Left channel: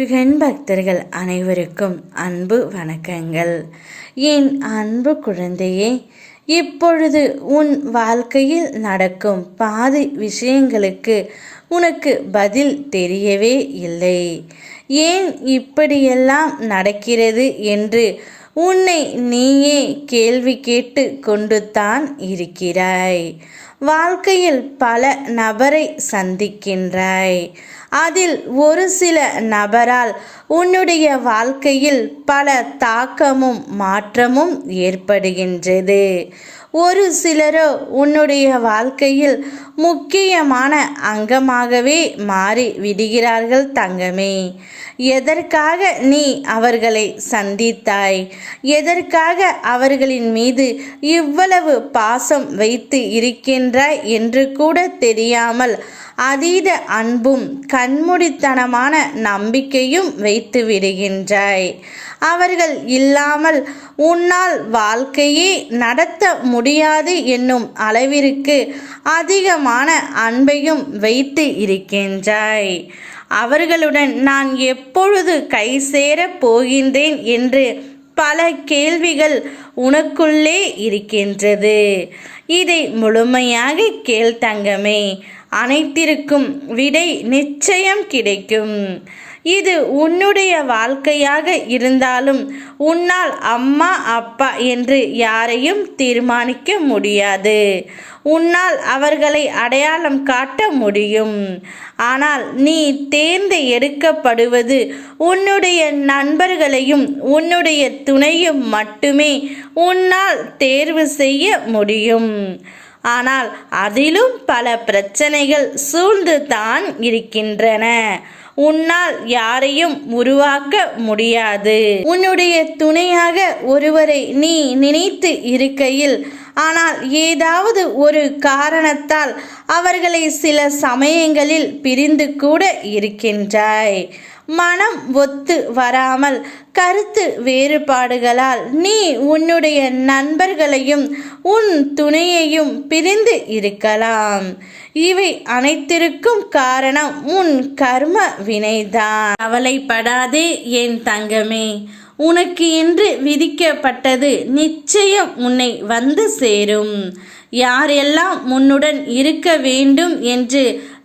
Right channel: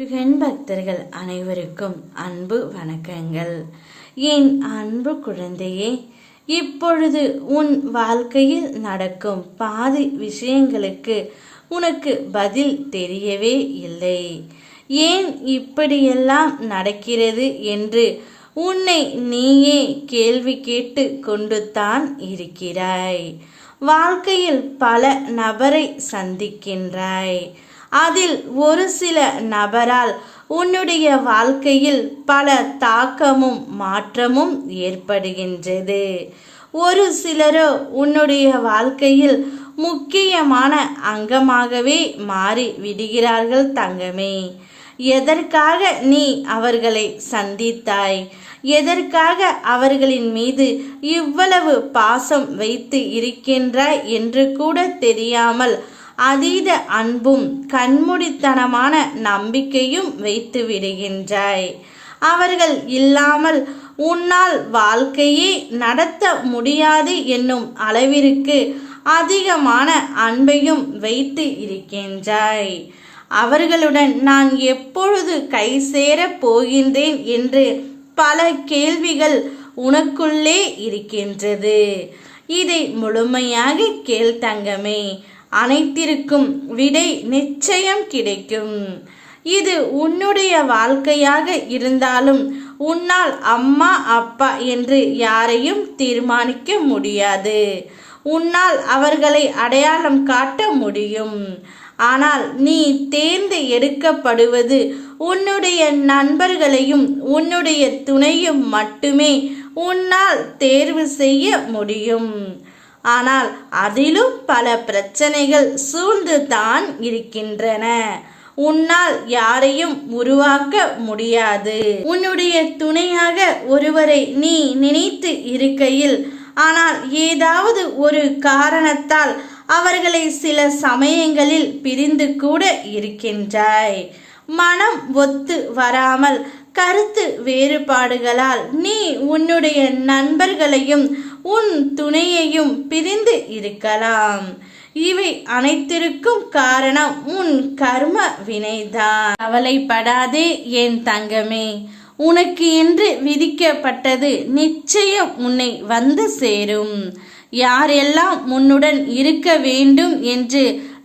முருகன் பக்தர்கள் அனைவருக்கும் அன்பு வணக்கங்கள். என் அன்பு குழந்தையே, இப்பொழுது உன் வாழ்க்கையில் நடக்கும் பாதி விஷயங்களுக்கு உனக்கு பதில் தெரியவே இல்லை. ஏன் இப்படியெல்லாம் நடக்கிறது என்று உன்னை நீயே கேள்வி கேட்டு கொண்டு தான் இருக்கிறாய். வாழ்க்கையில் பல நபரை சந்திக்கின்றாய். அதில் ஒரு சில நபரால் உன்னுடைய வாழ்க்கையில் பல தாக்கமும் மாற்றமும் ஏற்படுகின்றது. ஒரு சிலரோ உன்னுடைய வாழ்க்கையில் முக்கியமான அங்கமாகவே மாறி விடுகிறார்கள் தங்கமே. எதற்காக நீ அவர்களை சந்தித்தாய்? எதற்காக அவர்களின் மீது இவ்வளவு பாசம் வைத்து இருக்கின்றாய் என்று கூட தெரியாமல் அதீத அன்பும் கண்மூடித்தனமான நம்பிக்கையும் வைத்து விடுகின்றாய். அவர்கள் இல்லாமல் உன்னால் வாழ்க்கையே நடத்த முடியாது என்னும் அளவிற்கு அதிகமான அன்பையும் வைத்து இருக்கின்றாய். அவர்களுடன் நான் எப்பொழுது கை சேரப் போகின்றேன் என்று பல கேள்விகள் உனக்குள்ளே இருக்கின்றது. இதை முழுமையாக கேள் தங்கமே. அனைத்திற்கும் விடை நிச்சயம் கிடைக்கும். இது உன்னுடைய வாழ்க்கையாக இருந்தாலும் உன்னால் அம்மா அப்பா என்று யாரையும் தீர்மானிக்க முடியாது. உன்னால் அவர்களை அடையாளம் காட்ட முடியும். ஆனால் நீ தேர்ந்து எடுக்கப்படுவது உன்னுடைய நண்பர்களையும் உன்னுடைய துணையும் மட்டுமே உன்னால் தேர்வு செய்ய முடியும். ஆனால் அதிலும் பல பிரச்சனைகள் சூழ்ந்து தான் இருக்கின்றன. உன்னால் யாரையும் உருவாக்க முடியாது. உன்னுடைய துணையாக ஒருவரை நீ நினைத்து இருக்கையில் ஆனால் ஏதாவது ஒரு காரணத்தால் அவர்களை சில சமயங்களில் பிரிந்து கூட இருக்கின்றாய். மனம் ஒத்து வராமல் கருத்து வேறுபாடுகளால் நீ உன்னுடைய நண்பர்களையும் உன் துணையையும் பிரிந்து இருக்கலாம். இவை அனைத்திற்கும் காரணம் உன் கர்ம வினைதான். கவலைப்படாதே என் தங்கமே. உனக்கு என்று விதிக்கப்பட்டது நிச்சயம் உன்னை வந்து சேரும். யாரெல்லாம் உன்னுடன் இருக்க வேண்டும் என்று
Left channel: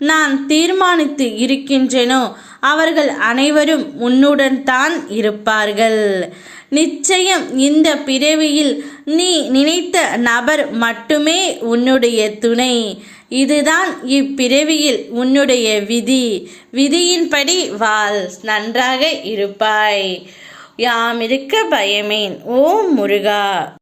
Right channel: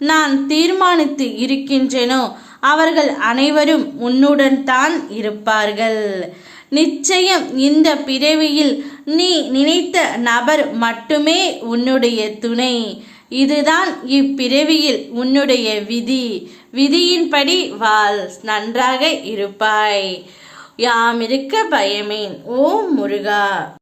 நான் தீர்மானித்து இருக்கின்றேனோ அவர்கள் அனைவரும் உன்னுடன் தான் இருப்பார்கள். நிச்சயம் இந்த பிறவியில் நீ நினைத்த நபர் மட்டுமே உன்னுடைய துணை. இதுதான் இப்பிறவியில் உன்னுடைய விதி. விதியின்படி வாழ், நன்றாக இருப்பாய். யாமிருக்க பயமேன். ஓம் முருகா.